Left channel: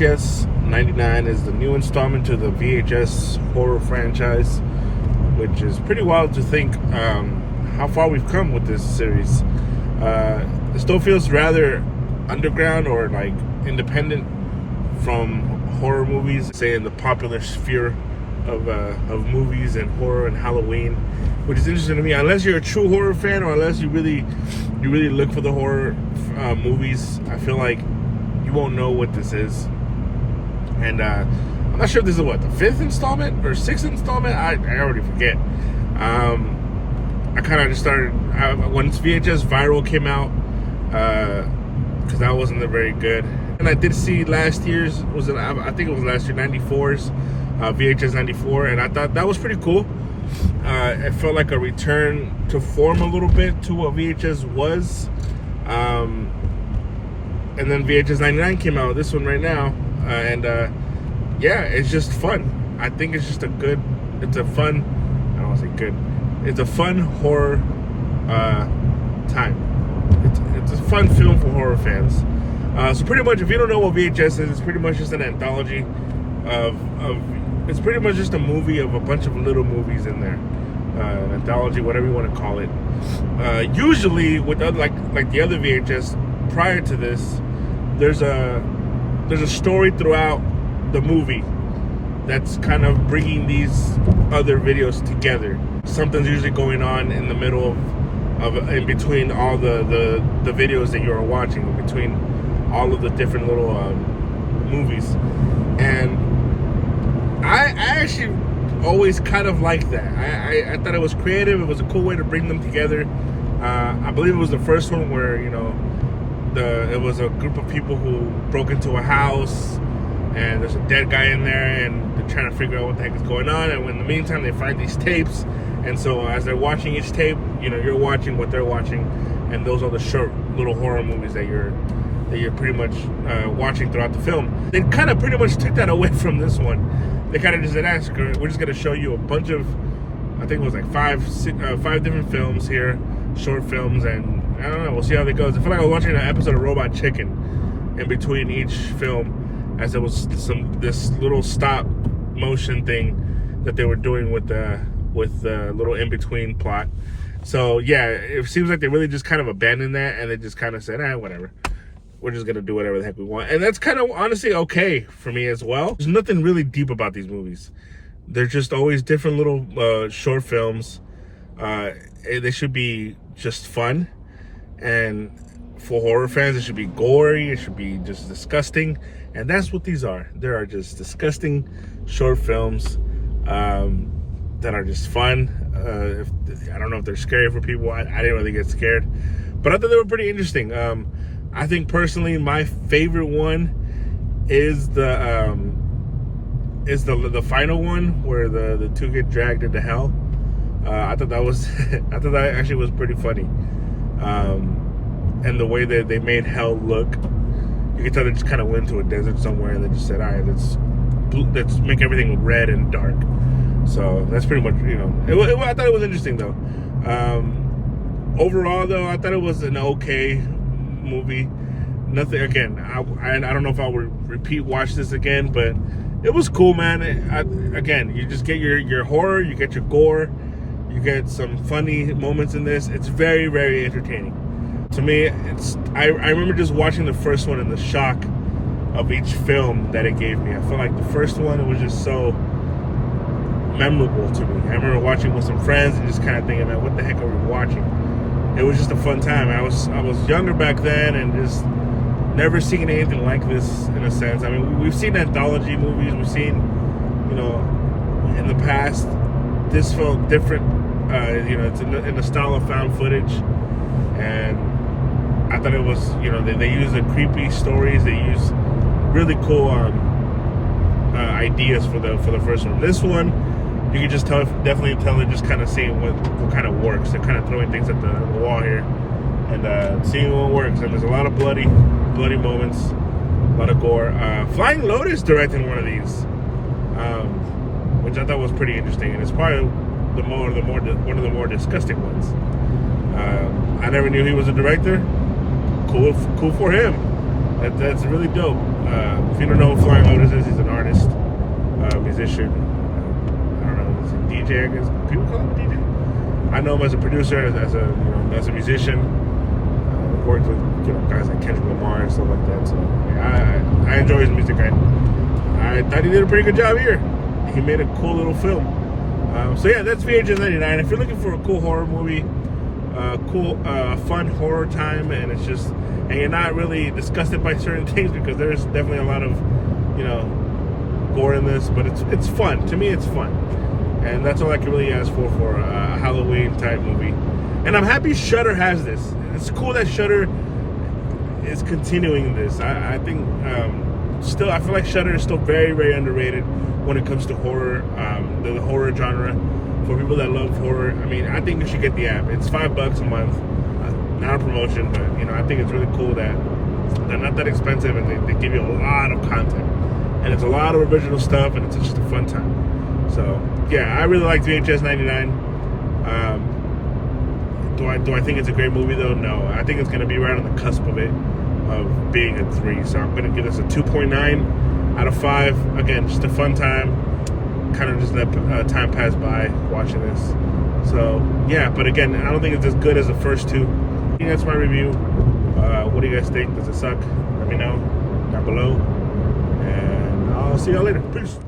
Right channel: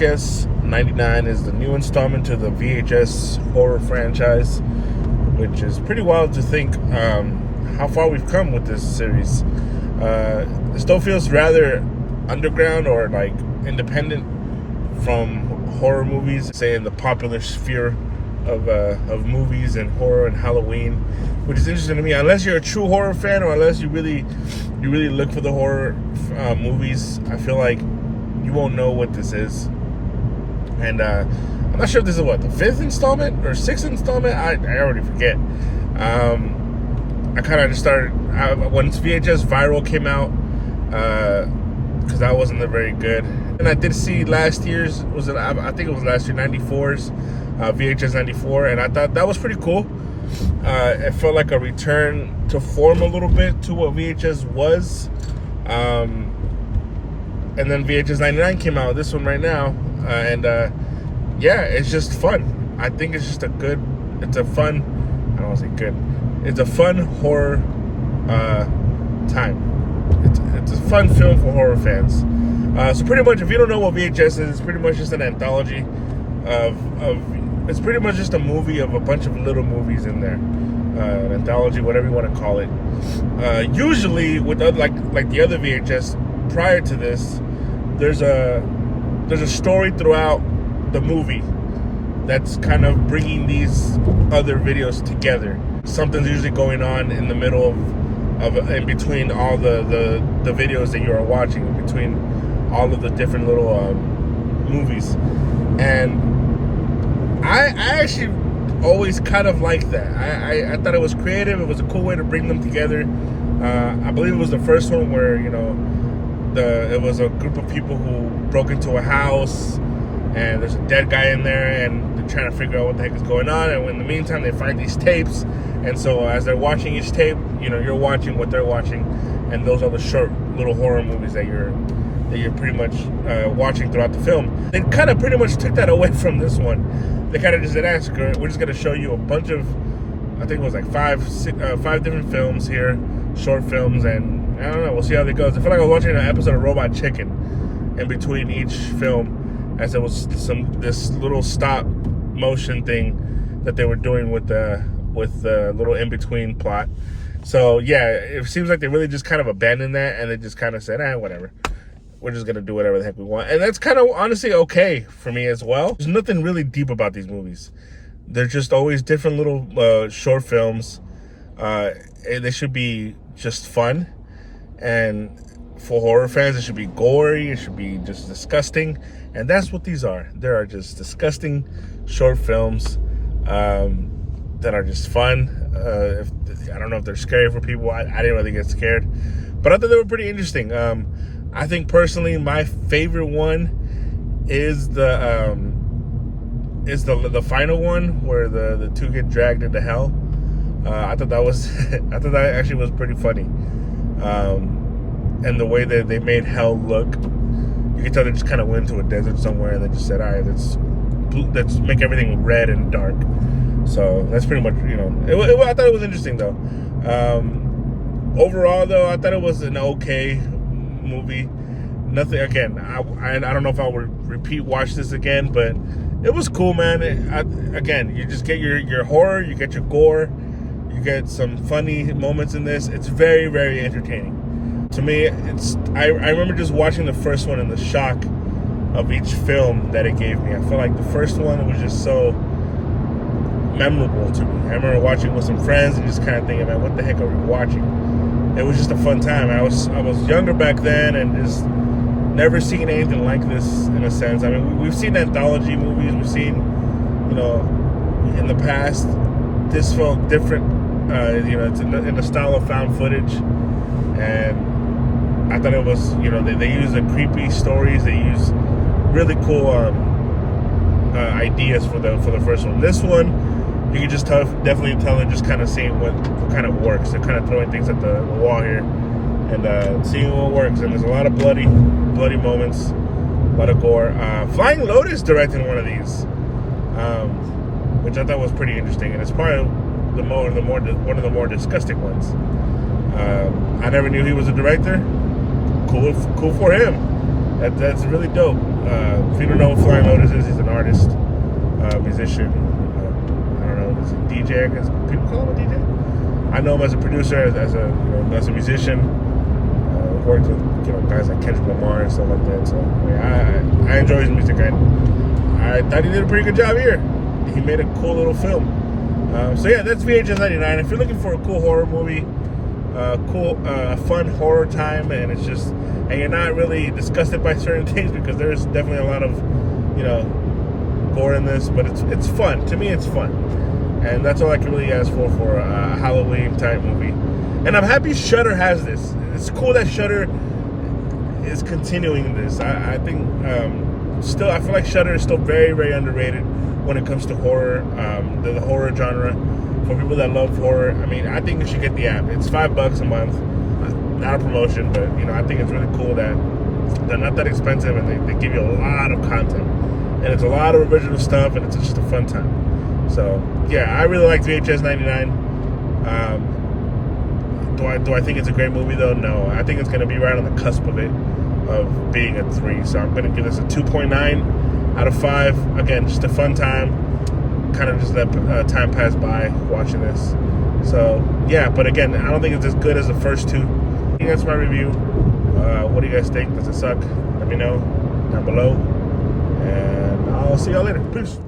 VHS 99 is the new installment to the VHS horror franchise, which is pretty wild to think how far we've come with this series. It still feels rather underground or like independent from horror movies, say in the popular sphere of movies and horror and Halloween, which is interesting to me. Unless you're a true horror fan, or unless you really look for the horror movies, I feel like you won't know what this is. And I'm not sure if this is what, the 5th installment or 6th installment. I already forget. I kind of just started once VHS Viral came out, because that wasn't very good. And I did see last year's, I think it was last year, 94's VHS 94, and I thought that was pretty cool. It felt like a return to form a little bit to what VHS was. And then VHS 99 came out, this one right now, and yeah, it's just fun. I think it's just it's a fun horror time. It's a fun film for horror fans. So pretty much, if you don't know what VHS is, it's pretty much just an anthology it's pretty much just a movie of a bunch of little movies in there. An anthology, whatever you want to call it. Usually, with like the other VHS prior to this, there's a story throughout the movie that's kind of bringing these other videos together. Something's usually going on in the middle in between all the videos that you are watching, in between all of the different little movies. And I actually always kind of liked that. I thought it was creative. It was a cool way to bring them together. I believe it was the first one where, it was a group of people who broke into a house, and there's a dead guy in there, and they're trying to figure out what the heck is going on. And in the meantime, they find these tapes, and so as they're watching each tape, you're watching what they're watching, and those are the short little horror movies that you're pretty much watching throughout the film. They kind of pretty much took that away from this one. They kind of just said, we're just going to show you a bunch of, I think it was like five different films here, short films, and I don't know, we'll see how it goes. I feel like I was watching an episode of Robot Chicken in between each film, as there was this little stop motion thing that they were doing with the little in-between plot. So yeah, it seems like they really just kind of abandoned that, and they just kind of said, whatever. We're just going to do whatever the heck we want. And that's kind of honestly okay for me as well. There's nothing really deep about these movies. They're just always different little short films. They should be just fun. And for horror fans, it should be gory. It should be just disgusting. And that's what these are. They are just disgusting short films that are just fun. I don't know if they're scary for people. I didn't really get scared. But I thought they were pretty interesting. I think personally, my favorite one is the final one where the two get dragged into hell. I thought that actually was pretty funny, and the way that they made hell look, you could tell they just kind of went to a desert somewhere and they just said, all right, let's make everything red and dark. So that's pretty much, I thought it was interesting though. Overall though, I thought it was an okay movie. Nothing, again, I don't know if I would watch this again, but it was cool, man. Again, you just get your horror, you get your gore, you get some funny moments in this. It's very, very entertaining. To me, I remember just watching the first one and the shock of each film that it gave me. I feel like the first one, it was just so memorable to me. I remember watching with some friends and just kind of thinking, man, what the heck are we watching? It was just a fun time. I was younger back then, and just never seen anything like this, in a sense. I mean, we've seen anthology movies. We've seen, in the past. This felt different. It's in the style of found footage, and I thought it was, they use the creepy stories. They use really cool ideas for the first one. This one, you can just definitely tell they're just kind of seeing what kind of works. They're kind of throwing things at the wall here and seeing what works. And there's a lot of bloody moments, a lot of gore. Flying Lotus directed one of these, which I thought was pretty interesting, and it's probably one of the more disgusting ones. I never knew he was a director. Cool for him. That's really dope. If you don't know who Flying Lotus is, he's an artist, musician. I don't know, is he DJ? I guess people call him a DJ. I know him as a producer, as a musician. Worked with guys like Kendrick Lamar and stuff like that. So I enjoy his music. I thought he did a pretty good job here. He made a cool little film. So yeah, that's VHS 99. If you're looking for a cool horror movie, fun horror time, and you're not really disgusted by certain things, because there's definitely a lot of gore in this, but it's fun. To me, it's fun, and that's all I can really ask for a Halloween type movie. And I'm happy Shudder has this. It's cool that Shudder is continuing this. I think still, I feel like Shudder is still very, very underrated when it comes to horror, the horror genre. For people that love horror, I mean, I think you should get the app. It's $5 a month, not a promotion, but I think it's really cool that they're not that expensive, and they give you a lot of content, and it's a lot of original stuff, and it's just a fun time. So yeah, I really like VHS 99. Do I think it's a great movie though? No, I think it's going to be right on the cusp of it, of being a 3. So I'm going to give this a 2.9 out of 5. Again, just a fun time. Kind of just let time pass by watching this. So yeah, but again, I don't think it's as good as the first 2. I think that's my review. What do you guys think? Does it suck? Let me know down below, and I'll see y'all later. Peace.